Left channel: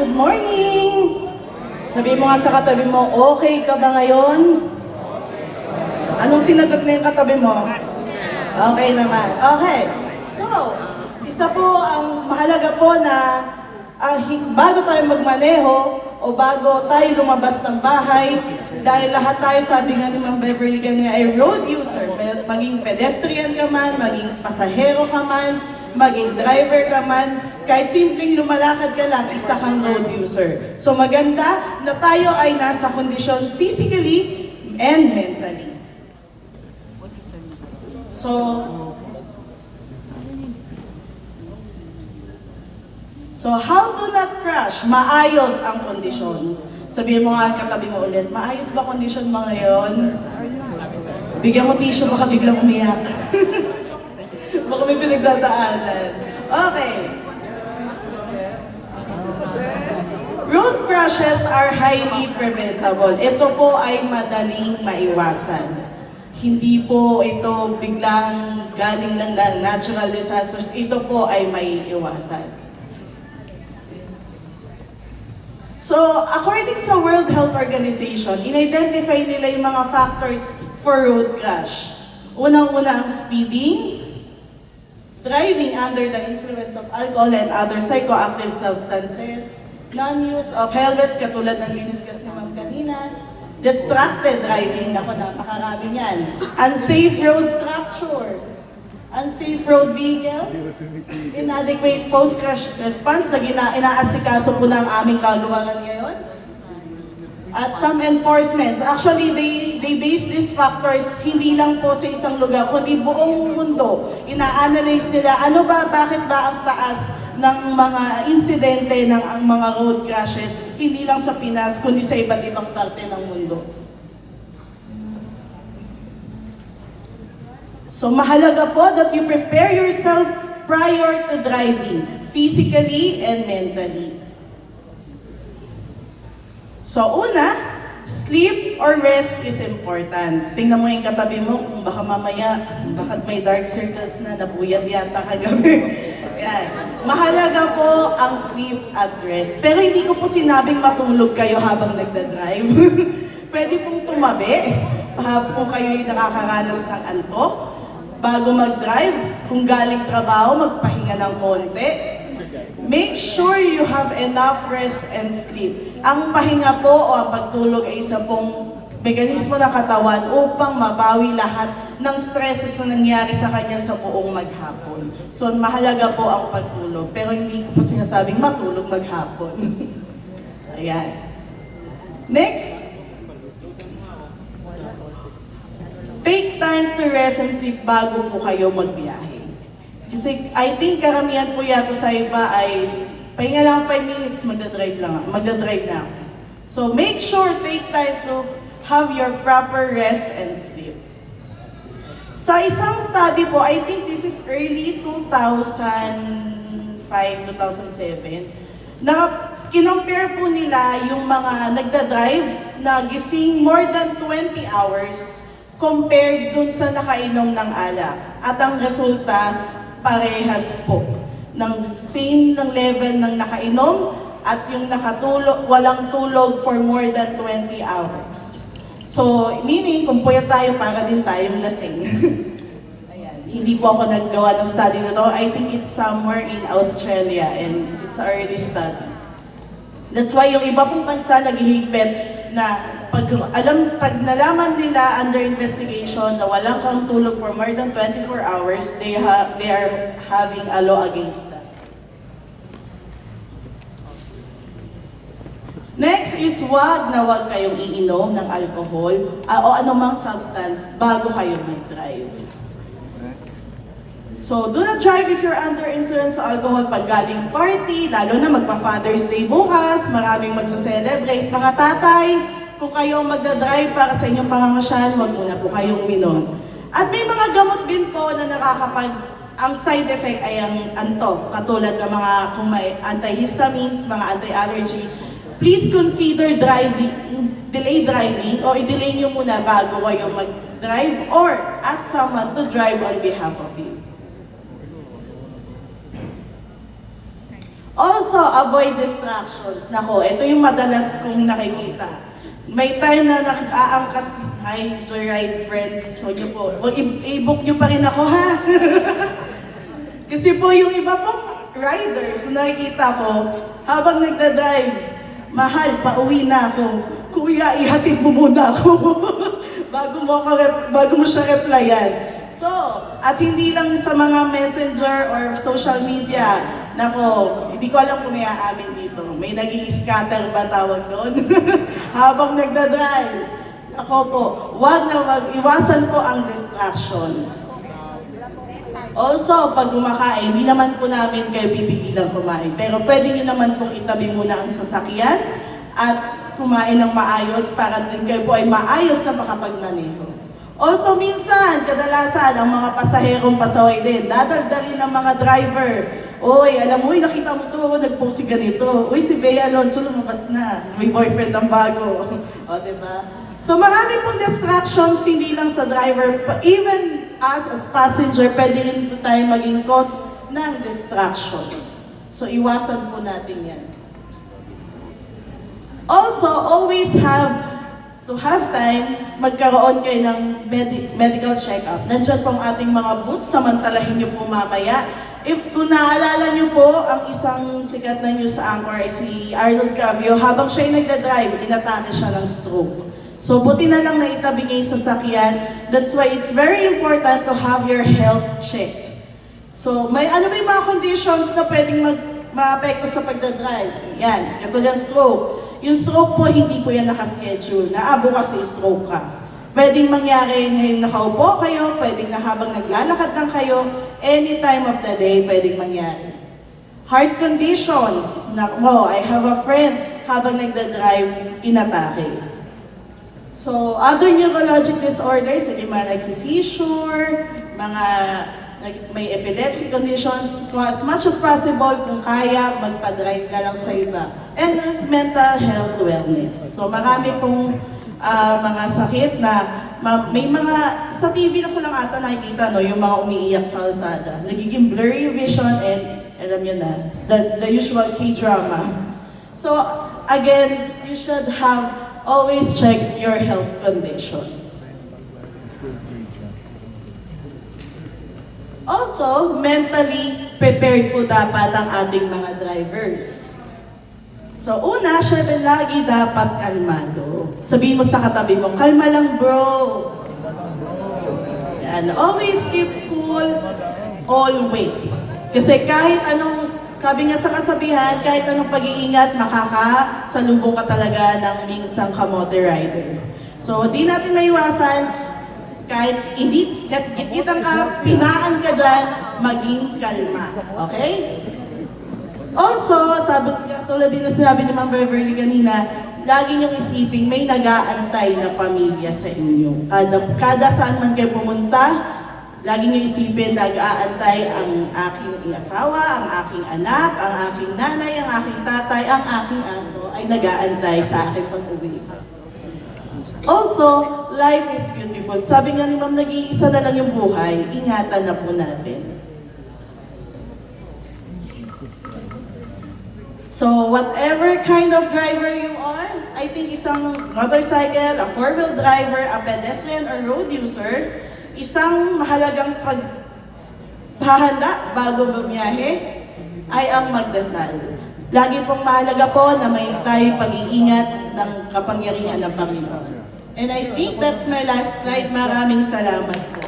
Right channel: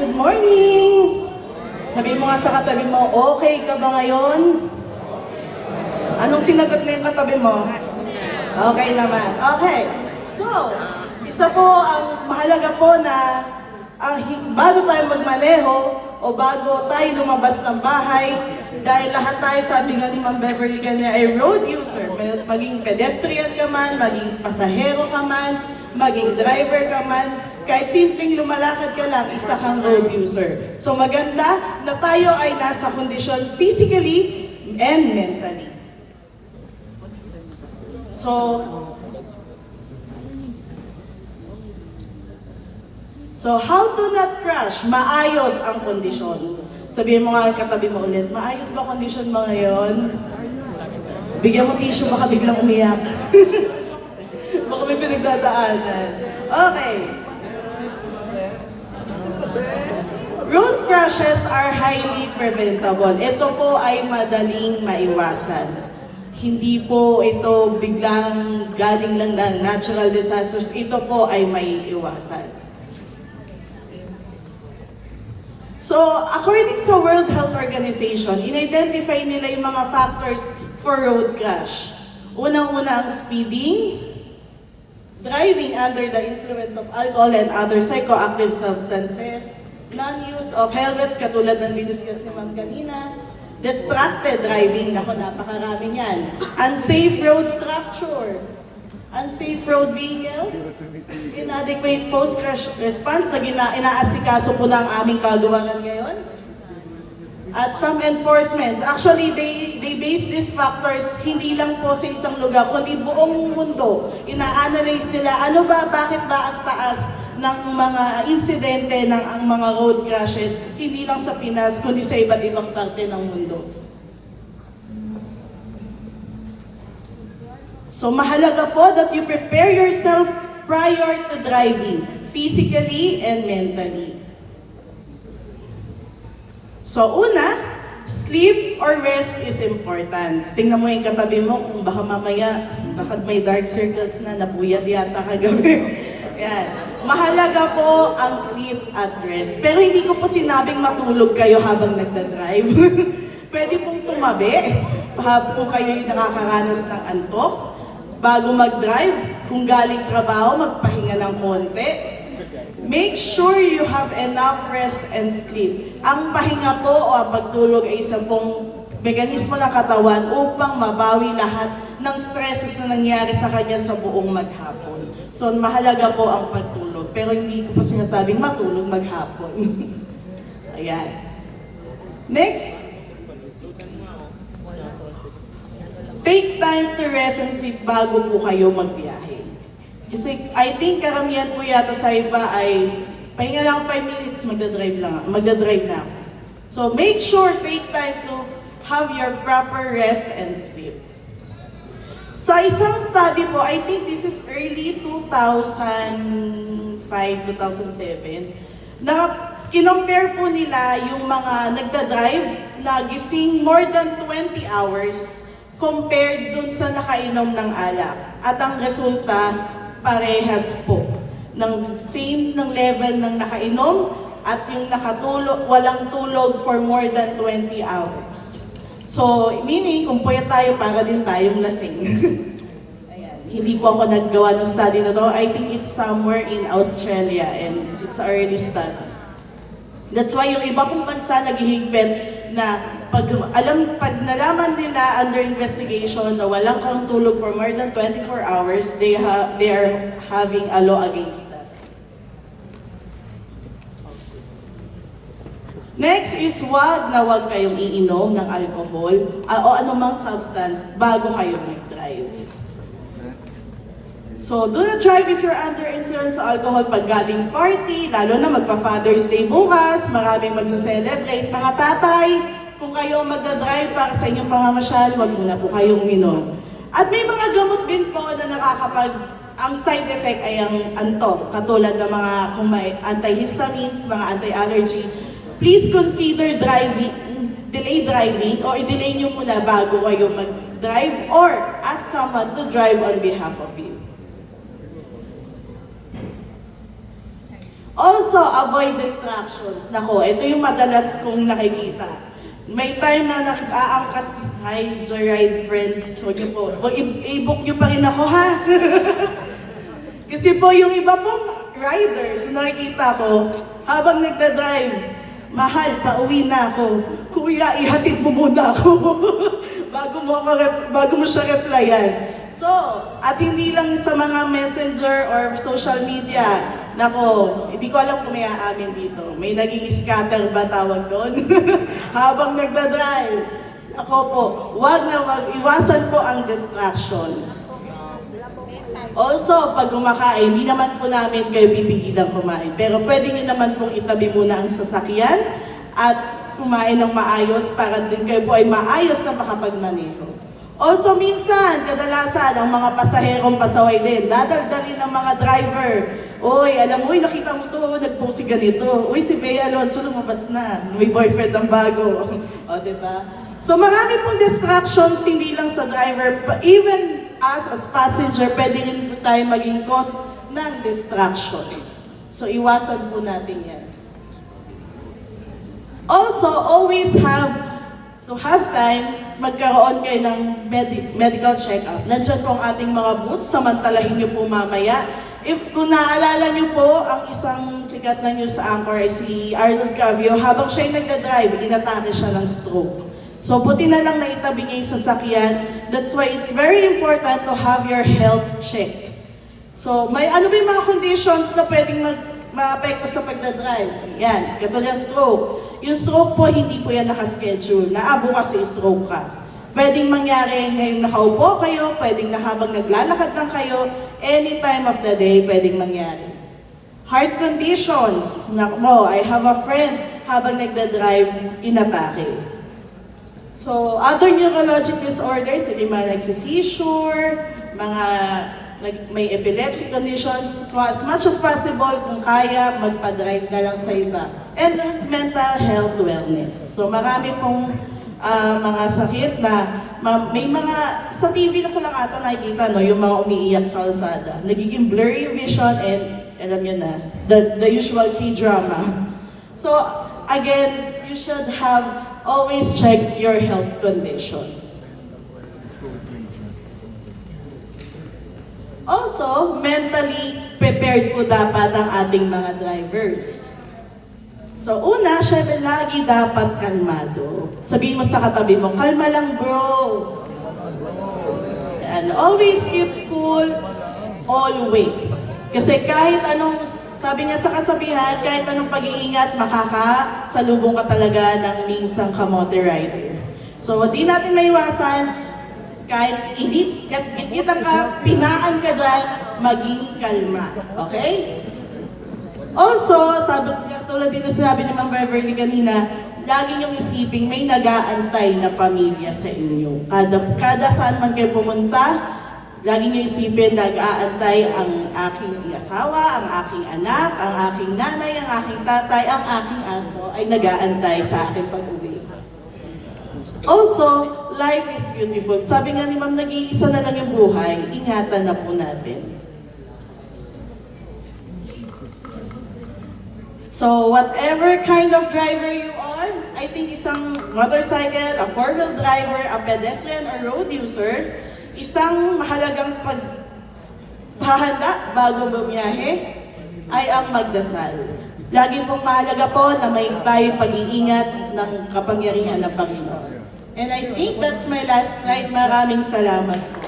Good morning! Sabi mo nga sa katabi mo, okay ka ba ngayon? Anong sinagot na yung katabi mo? Okay naman. Okay. So, isa po ang mahalaga po na bago tayo magmaneho o bago tayo lumabas ng bahay, dahil lahat tayo, sabi nga ni Ma'am Beverly kanina, ay road user. Maging pedestrian ka man, maging pasahero ka man, maging driver ka man, kahit simpleng lumalakad ka lang, isa kang road user. So maganda na tayo ay nasa kondisyon physically and mentally. So how to not crash? Maayos ang kondisyon. Sabihin mo nga katabi mo ulit, maayos ba kondisyon mo ngayon? Bigyan mo tissue, baka biglang umiyak. Baka may pinagdadaanan. Okay. Road crashes are highly preventable. Ito po ay madaling maiwasan. Hindi po ito biglang galing lang ng natural disasters. Ito po ay maiiwasan. So, according sa World Health Organization, in-identify nila yung mga factors for road crash. Unang-una ang speeding, driving under the influence of alcohol and other psychoactive substances, non-use of helmets, katulad ng diniscuss ni Ma'am kanina, distracted driving, naku, napakarami niyan, unsafe road structure, unsafe road vehicles, inadequate post-crash response na inaasikaso po ng aming kagawaran ngayon, at some enforcements. Actually, they base these factors hindi lang po sa isang lugar, kundi buong mundo. Ina-analyze nila, bakit ba ang taas ng mga insidente ng ang mga road crashes, hindi lang sa Pinas, kundi sa iba't ibang parte ng mundo. So mahalaga po that you prepare yourself prior to driving, physically and mentally. So una, sleep or rest is important. Tingnan mo yung katabi mo kung baka mamaya, baka may dark circles na, nabuyat yata kagabi. Yan. Mahalaga po ang sleep at rest. Pero hindi ko po sinabing matulog kayo habang nagdadrive. Pwede pong tumabi habang kayo yung nakakaranas ng antok. Bago mag-drive, kung galing trabaho, magpahinga ng konti. Make sure you have enough rest and sleep. Ang pahinga po o ang pagtulog ay isa pong mekanismo ng katawan upang mabawi lahat ng stresses na nangyari sa kanya sa buong maghapon. So mahalaga po ang pagtulog, pero hindi ko po sinasabing matulog maghapon. Ayan. Next. Take time to rest and sleep bago po kayo magbiyahe. Kasi I think karamihan po yata sa iba ay pahinga lang 5 minutes, magdadrive na ako. So make sure, take time to have your proper rest and sleep. Sa isang study po, I think this is early 2005, 2007, na kinompare po nila yung mga nagdadrive na gising more than 20 hours compared dun sa nakainom ng alak. At ang resulta, parehas po. Same ng level ng nakainom at yung nakatulog, walang tulog for more than 20 hours. So, meaning, kung puyat tayo, para din tayong lasing. Ayan. Hindi po ako naggawa ng study na to. I think it's somewhere in Australia and it's an early study. That's why yung iba pong bansa naghihigpit na pag nalaman nila under investigation na walang kang tulog for more than 24 hours, they are having a law against that. Next is wag kayong iinom ng alcohol o anumang substance bago kayo mag-drive. So, do not drive if you're under influence sa alcohol pag galing party, lalo na magpa-Father's Day bukas, maraming magsa-celebrate. Mga tatay, kung kayo magdadrive para sa inyong pamamasyal, wag muna po kayong uminom. At may mga gamot din po na ang side effect ay ang antok, katulad ng mga kung may antihistamines, mga anti-allergy. Please consider delay driving o i-delay nyo muna bago kayo mag-drive or ask someone to drive on behalf of you. Also, Also, avoid distractions. Nako, ito yung madalas kong nakikita. May time na nag-aangkas, hi, joyride friends, huwag niyo po, i-book niyo pa rin ako ha. Kasi po yung iba pong riders, nakikita ko, habang nagdadrive, mahal, pauwi na ako. Kuya, ihatid mo muna ako bago mo siya replyan. So, at hindi lang sa mga messenger or social media, nako, hindi ko alam kung may aamin dito. May nag-i-scatter ba tawag doon? Habang nagdadrive. Ako po, wag iwasan po ang distraction. Also, pag kumakain, hindi naman po namin kayo pipigilan kumain. Pero pwede nyo naman pong itabi muna ang sasakyan at kumain ng maayos para din kayo po ay maayos na makapagmaneho. Also, minsan, kadalasan, ang mga pasaherong pasaway din, dadagdali ng mga driver. Uy, alam mo, nakita mo to, nagpost si ganito. Uy, si Bea Alonso lumabas na. May boyfriend ang bago. O, diba? So, marami pong distractions, hindi lang sa driver. Even as passenger, pwede rin po tayo maging cause ng distractions. So, iwasan po natin yan. Also, always have to have time, magkaroon kayo ng medical check-up. Nandiyan po ang ating mga booths, samantalahin niyo po mamaya. Kung naalala niyo po, ang isang sikat na news anchor ay si Arnold Cavio, habang siya'y nagda-drive, inatake siya ng stroke. So, buti na lang na itabi niya yung sasakyan. That's why it's very important to have your health checked. So, ano ba yung mga conditions na pwedeng ma-apekto sa pagdadrive? Yan, katulad stroke. Yung stroke po, hindi po yan nakaschedule. Naabo kasi stroke ka. Pwedeng mangyari ngayon nakaupo kayo, pwedeng na habang naglalakad lang kayo, any time of the day, pwedeng mangyari. Heart conditions. I have a friend, habang nagdadrive, inatake. So, other neurologic disorders, hindi mga nagsisseizure, mga may epilepsy conditions, as much as possible, kung kaya, magpa-drive na lang sa iba. And mental health wellness. So, marami pong mga sakit na, may mga, sa TV ko lang ata nakikita, no, yung mga umiiyak sa kalsada. Nagiging blurry yung vision and, alam nyo na, the usual K-drama. So, again, you should always check your health condition. Also, mentally prepared po dapat ang ating mga drivers. So, una, syempre lagi dapat kalmado. Sabihin mo sa katabi mo, kalma lang bro. And always keep cool, always. Kasi kahit anong, sabi nga sa kasabihan, kahit anong pag-iingat, makakasalubong ka talaga ng minsang kamote rider. So, di natin maiwasan, kahit kitang ka, pinaan ka dyan, maging kalma. Okay? Also, tulad din na sinabi ni Ma'am Beverly kanina, lagi niyong isiping may nag-aantay na pamilya sa inyo. Kada saan man kayo pumunta, lagi niyong isipin, nag-aantay ang aking asawa, ang aking anak, ang aking nanay, ang aking tatay, ang aking aso, ay nag-aantay sa aking pag-uwi. Also, life is beautiful. Sabi nga ni Ma'am, nag-iisa na lang yung buhay, ingatan na po natin. So, whatever kind of driver you are, I think isang motorcycle, a four-wheel driver, a pedestrian, or road user, isang mahalagang paghahanda bago bumiyahe ay ang magdasal. Lagi pong mahalaga po na may tayong pag-iingat ng kapangyarihan ng Panginoon. And I think that's my last slide. Maraming salamat po.